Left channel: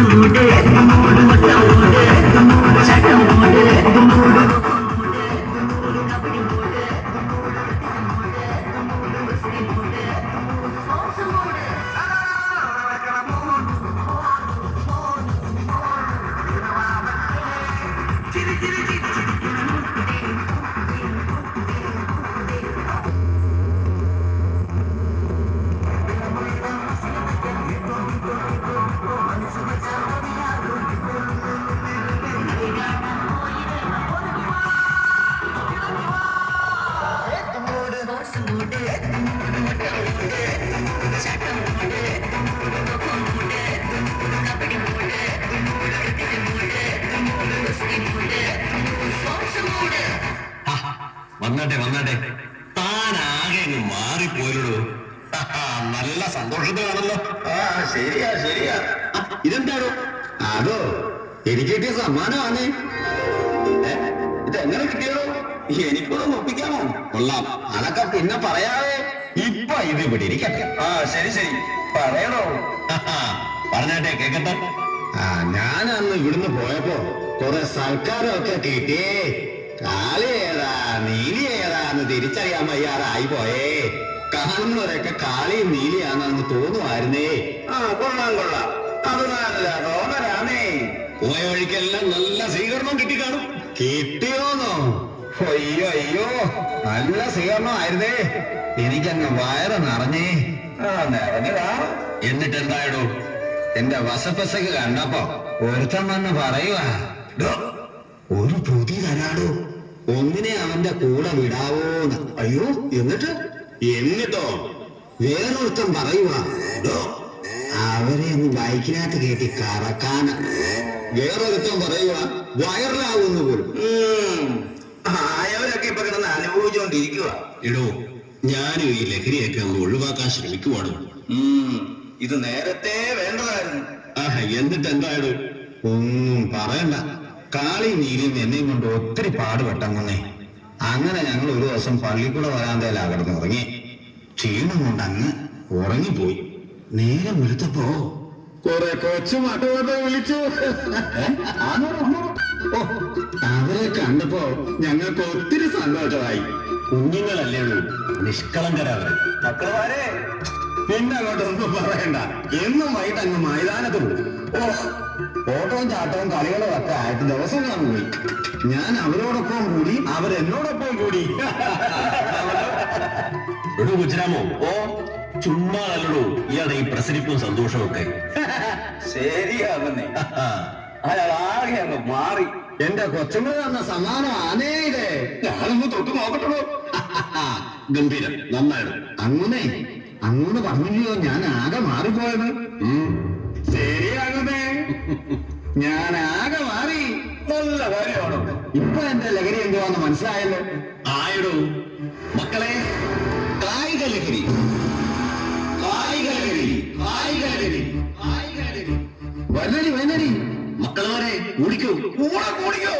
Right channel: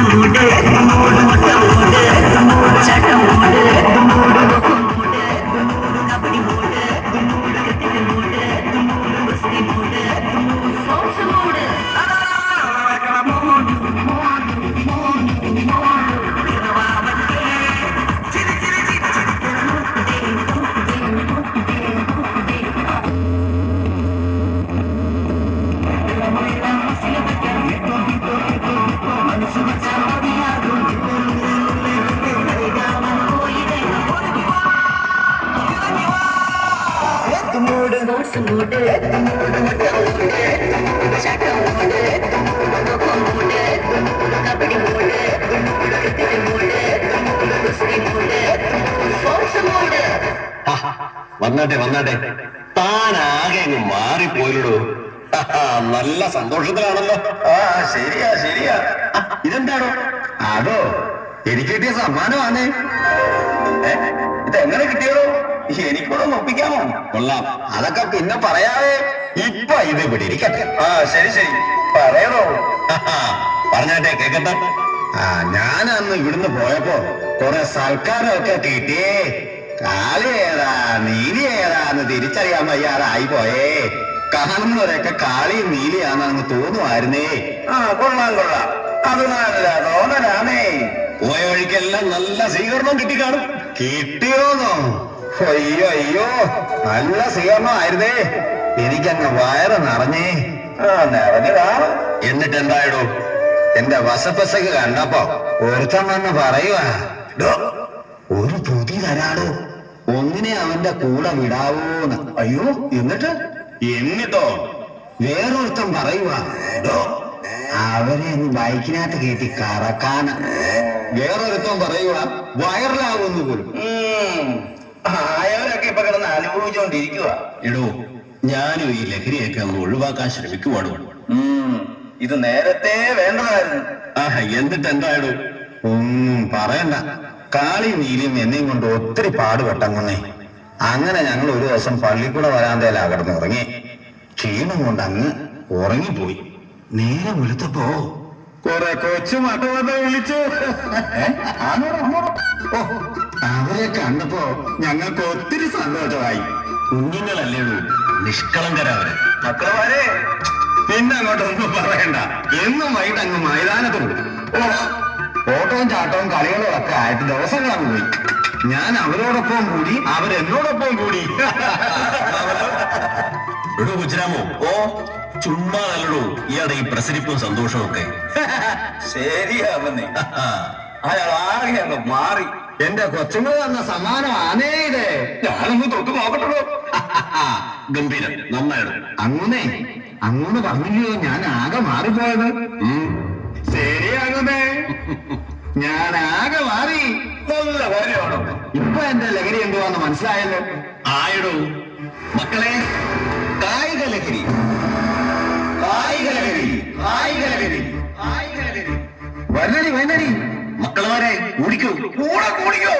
চুলে വന്നാട്ടെ വന്നാട്ടെ. താനാകെ അങ്ങ് മാറിപ്പോയില്ലടോ. നല്ല സന്തോഷത്തിലാണല്ലോ. ആ ശരിയാ ശരിയാ. ഇതെന്താണോ അതോ എനിക്ക് കിട്ടിയ സമ്മാനമാണ്. ഇത് ഇതെങ്ങനെ കിട്ടിയതോ എനിക്കൂടെ ഒപ്പിക്കാമോ കൊള്ളാം. അതൊക്കെ പിന്നെ പറയാവേ. ഇപ്പൊ ഇത് ഇവിടെ ഇരിക്കട്ടെ. ആ ശരി ശരി. പറയണോ? പറഞ്ഞാട്ടെ കേക്കട്ടെ. ആ ഞാൻ അന്ന് ഇവിടുന്ന് പോയപ്പോ കുറെ സൽക്കാരമൊക്കെ കിട്ടിയേ. കാളിയേതാ ഏതാ നീലി ഏതാന്ന് തിരിച്ചറിയാൻ വയ്യാറായി പോയേ. കാണുന്നവരൊക്കെ കാളിയും നീലിയാണെന്ന് തോന്നുമായിരുന്നേ. ആ കൊള്ളാം കൊള്ളാം. അത് നല്ല തോന്നലാണേ. പോയ വഴിക്കെല്ലാം നല്ല സ്വീകരണം കിട്ടിക്കാണും. കിട്ടിയോന്നോ? അയ്യോ അയ്യോ. നല്ല സ്വീകരണമായിരുന്നേ എനിക്കങ്ങ് വയറ് നിറഞ്ഞേ. ആ നിറഞ്ഞു കാണും എന്നിട്ട് എന്തായടോ? എന്റെ വശപ്പശക്ക് കണ്ടപ്പോ ഒരുത്തൻ വന്ന് പറയുവാ. "ഡോ, ഒരു പൊതി തരാടോ. ഒന്നിനെ അവന്റെ കൂടെ വിടാവോന്ന്. അയ്യോ എന്നിട്ട്? എന്നിട്ടോ? വേറൊരുത്തൻ പറയുവാ. "ഡോ, അവനെ നീ ബൈക്കിനകത്ത് കയറ്റി കറക്കാന്. വേറൊരുത്തൻ പറയുവാ വയറിലാവുന്നു പോലും. ആയവരൊക്കെ ഇപ്പൊ കിടന്ന് അനുഭവിച്ചുകൊണ്ടിരിക്കുക എടോ ഞാനും ഈ ലഹരിയൊക്കെ ഒന്ന് ഒഴിവാക്കാൻ ശ്രമിക്കുവാണ്. ഇത് നേരത്തെ വേണ്ടതായിരുന്നു. ആഹ് എന്നിട്ട് എന്തായടോ? ഒന്നും പറയണ്ട. കാളി നീലിയും എന്നെയും കൊണ്ട് ഒത്തിരി പാടുപെട്ടങ്ങുന്നേ. അങ്ങനെ ഞങ്ങൾ ഒരു ദിവസം പള്ളിക്കൂടെ വരാന്തേലാ കിടന്ന് ഉറങ്ങി ക്ഷീണം കൊണ്ട് അങ്ങ് ഉറങ്ങിപ്പോയി. നേരെ വെളുത്തപ്പോ കൊറേ കൊച്ചു മട്ടുമൊക്കെ വിളിച്ചു? ഓ, അവരെ കണ്ടപ്പോ ഞങ്ങൾക്ക് ഒത്തിരി സന്തോഷമായി. കുഞ്ഞുങ്ങളല്ലേ നിഷ്കളങ്കരവരെ. മക്കളമാരെ പിന്നെ അങ്ങോട്ടൊന്നും പറയണ്ട. എന്നും വൈകിട്ട് അങ്ങ് മൈതാനത്ത് പോകും. ഓ ഓട്ടവും ചാട്ടവും കളികളും ഒക്കെ ആയിട്ട് ദിവസങ്ങളാണ് പോയി. ഞാൻ അവരോടൊപ്പം കൂടി അവരെന്നോടൊപ്പം കൂടി. എടോ ഗുജറാമോ ഓ. ചുമ്മാ നല്ലടൂ ഇയാളുടെ ഈ പ്രസരിപ്പും സന്തോഷവും ഒക്കെ. ശരിയാവുന്നേ. അയാൾ ആകെ അങ്ങ് മാറി. എന്റെ കൊച്ചുങ്ങൾ തന്ന സമ്മാനമാണേ ഇത്. ഞാനൊന്ന് തൊട്ട് നോക്കട്ടോ ഗംഭീരം നന്നായിടും. അങ്ങനെ അങ്ങോട്ട് പറഞ്ഞില്ലയോ? ഞാൻ ആകെ മാറിപ്പോയത്. ശരിയാകുന്നേ. ഞാൻ ആകെ മാറി. നല്ല കാര്യമാണോ? ഇപ്പൊ എന്റെ ലഹരി എന്തുവാന്ന് മനസ്സിലായല്ലോ. ആയിടോ. മക്കളെ മക്കളമാരെ കൂടെ കൂടിയോ